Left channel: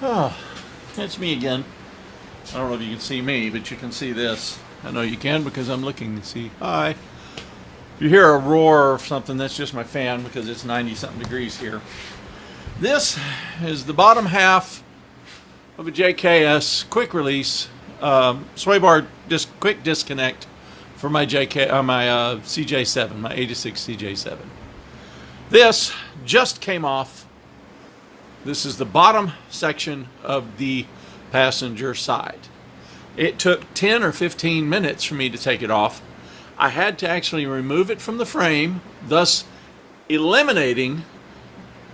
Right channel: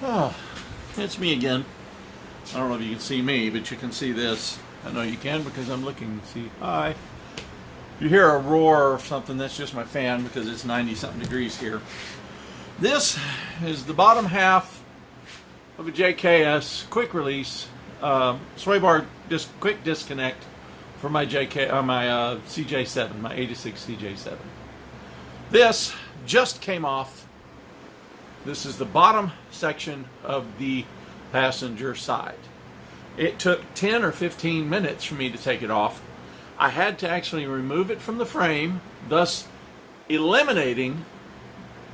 Oh, that's me again. I don't know if you can see me, but you can see this. I know you can because I'm looking to see. Hi. If you hear a roar or something, that's just my fan because it's 90-something degrees here. This is the bottom half of a JKS quick release sway bar quick disconnect for my CJ7, my 86 CJ7. This just came off. This is the bottom section of the passenger side. It took 10 or 15 minutes for me to take it off. I had to actually remove it from the frame, thus eliminating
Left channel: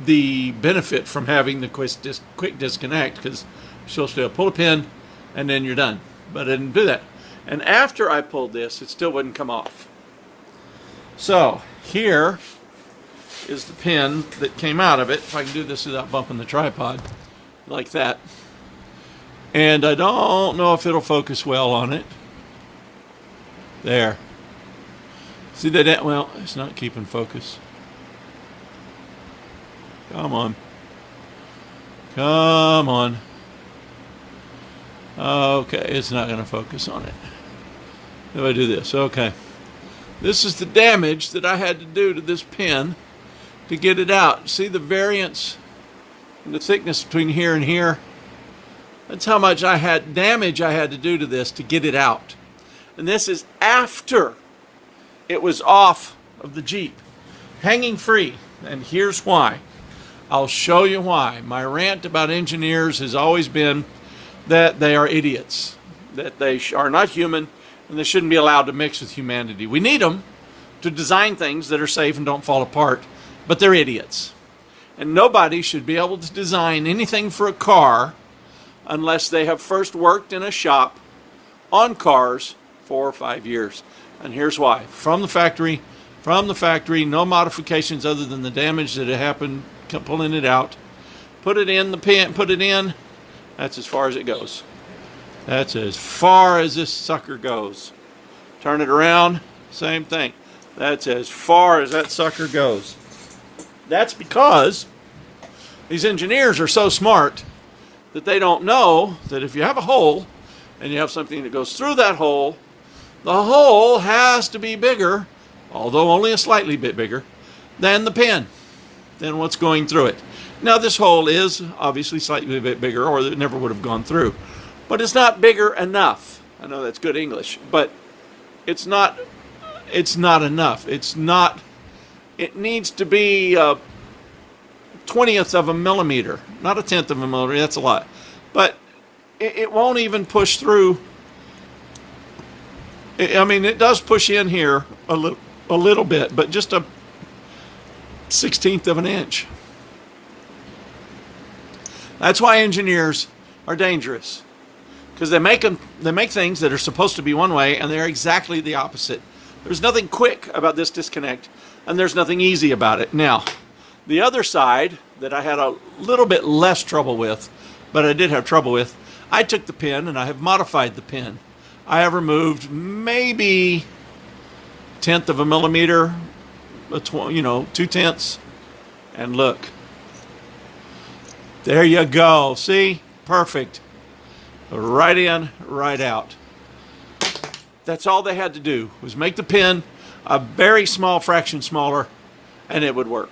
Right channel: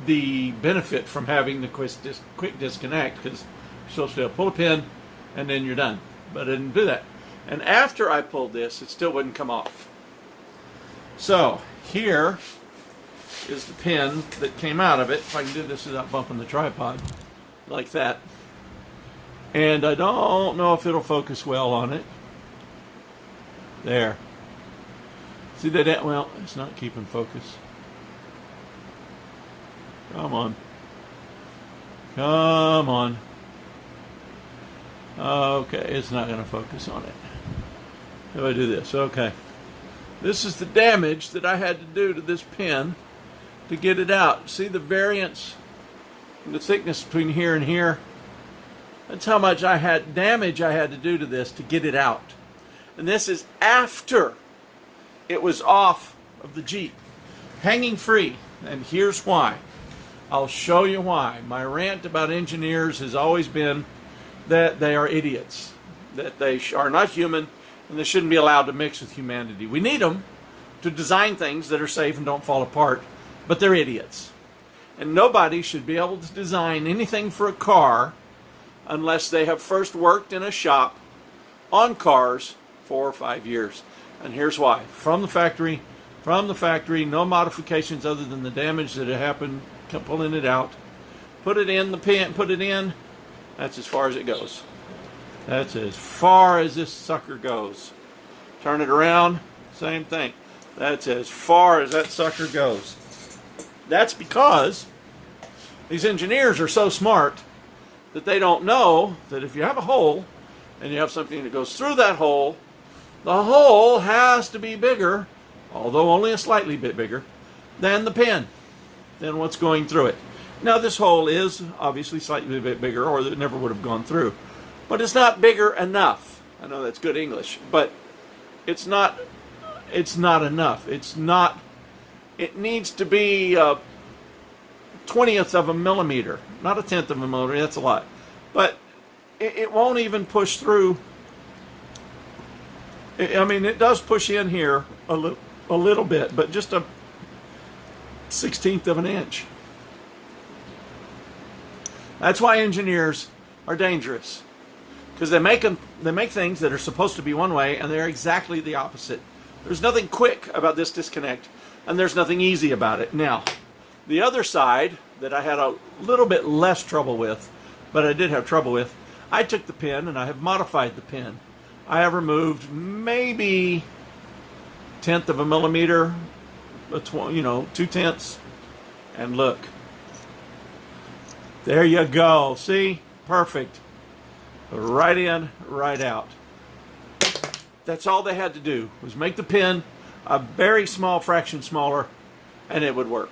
the benefit from having the quick disconnect, because you're supposed to pull a pin and then you're done. But I didn't do that. And after I pulled this, it still wouldn't come off. So here is the pin that came out of it. If I can do this without bumping the tripod, like that. And I don't know if it'll focus well on it. There. See that? Well, it's not keeping focus. Come on. Come on. Okay, it's not going to focus on it. If I do this, okay. This is the damage that I had to do to this pin to get it out. See the variance in the thickness between here and here? That's how much damage I had to do to this to get it out. And this is after it was off of the Jeep, hanging free. And here's why. I'll show you why. My rant about engineers has always been that they are idiots, that they are not human, and they shouldn't be allowed to mix with humanity. We need them to design things that are safe and don't fall apart, but they're idiots. And nobody should be able to design anything for a car unless they have first worked in a shop on cars 4 or 5 years. And here's why. From the factory, no modifications other than the damage that had happened pulling it out. Put it in the pin, put it in. That's as far as it goes. That's as far as this sucker goes. Turn it around, same thing. That's as far as that sucker goes. That's because these engineers are so smart that they don't know that if you have a hole and you have something that goes through that hole, the hole has to be bigger, although only a slightly bit bigger, than the pin, than what's going through it. Now this hole is obviously slightly a bit bigger, or it never would have gone through. But it's not bigger enough. I know that's good English, but it's not enough. It needs to be a 20th of a millimeter, not a 10th of a millimeter, that's a lot. But it won't even push through. I mean, it does push in here a little bit, but just a 16th of an inch. That's why engineers are dangerous, because they make things that are supposed to be one way, and they're exactly the opposite. There's nothing quick about this disconnect, and there's nothing easy about it. Now, the other side that I had a little bit less trouble with, but I did have trouble with, I took the pin and I have modified the pin. I have removed maybe 1/10 of a millimeter, 2/10, and look. There you go. See? Perfect. Right in, right out. That's all they had to do, was make the pin a very small fraction smaller, and it would work.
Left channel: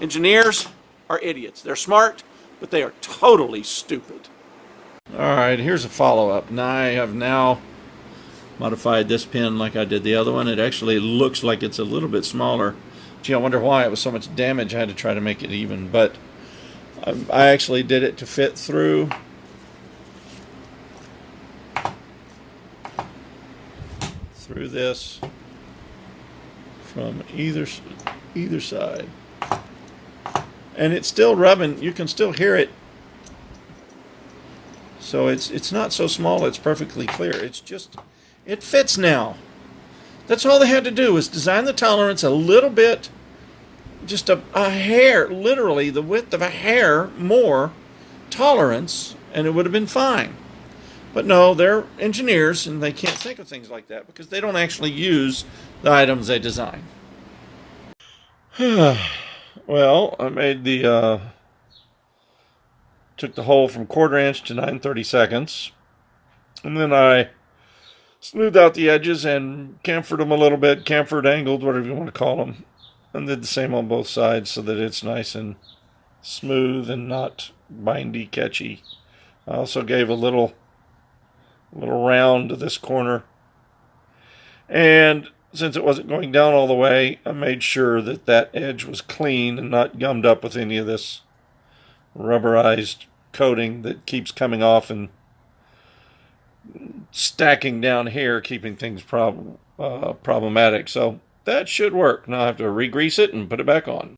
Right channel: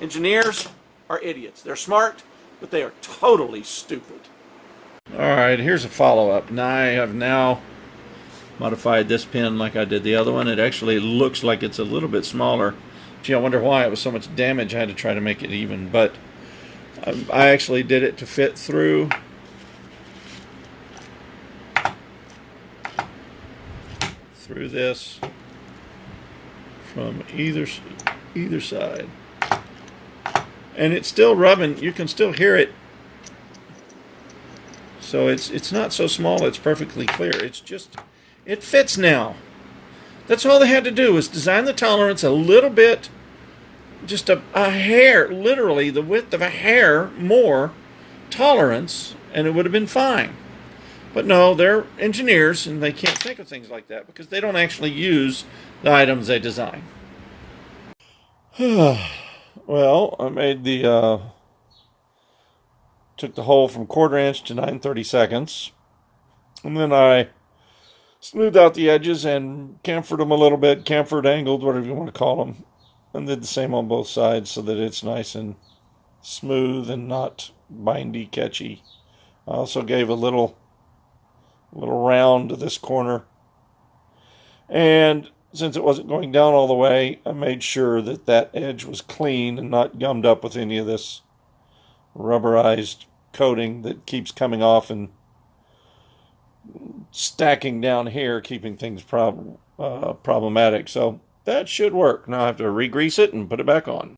Engineers are idiots. They're smart, but they are totally stupid. All right, here's a follow-up. Now I have modified this pin like I did the other one. It actually looks like it's a little bit smaller. Gee, I wonder why it was so much damage. I had to try to make it even, but I actually did it to fit through this from either side, and it's still rubbing. You can still hear it, so it's not so small. It's perfectly clear. It fits now. That's all they had to do, was design the tolerance a little bit, just a hair, literally the width of a hair more tolerance, and it would have been fine. But no, they're engineers, and they can't think of things like that because they don't actually use the items they design. Well, I made the Took the hole from 1/4 inch to 9/32, and then I smoothed out the edges and chamfered them a little bit, chamfered, angled, whatever you want to call them, and did the same on both sides so that it's nice and smooth and not bindy, catchy. I also gave a little round to this corner, and since it wasn't going down all the way, I made sure that that edge was clean and not gummed up with any of this rubberized coating that keeps coming off and stacking down here, keeping things problematic. So that should work. Now I have to re-grease it and put it back on.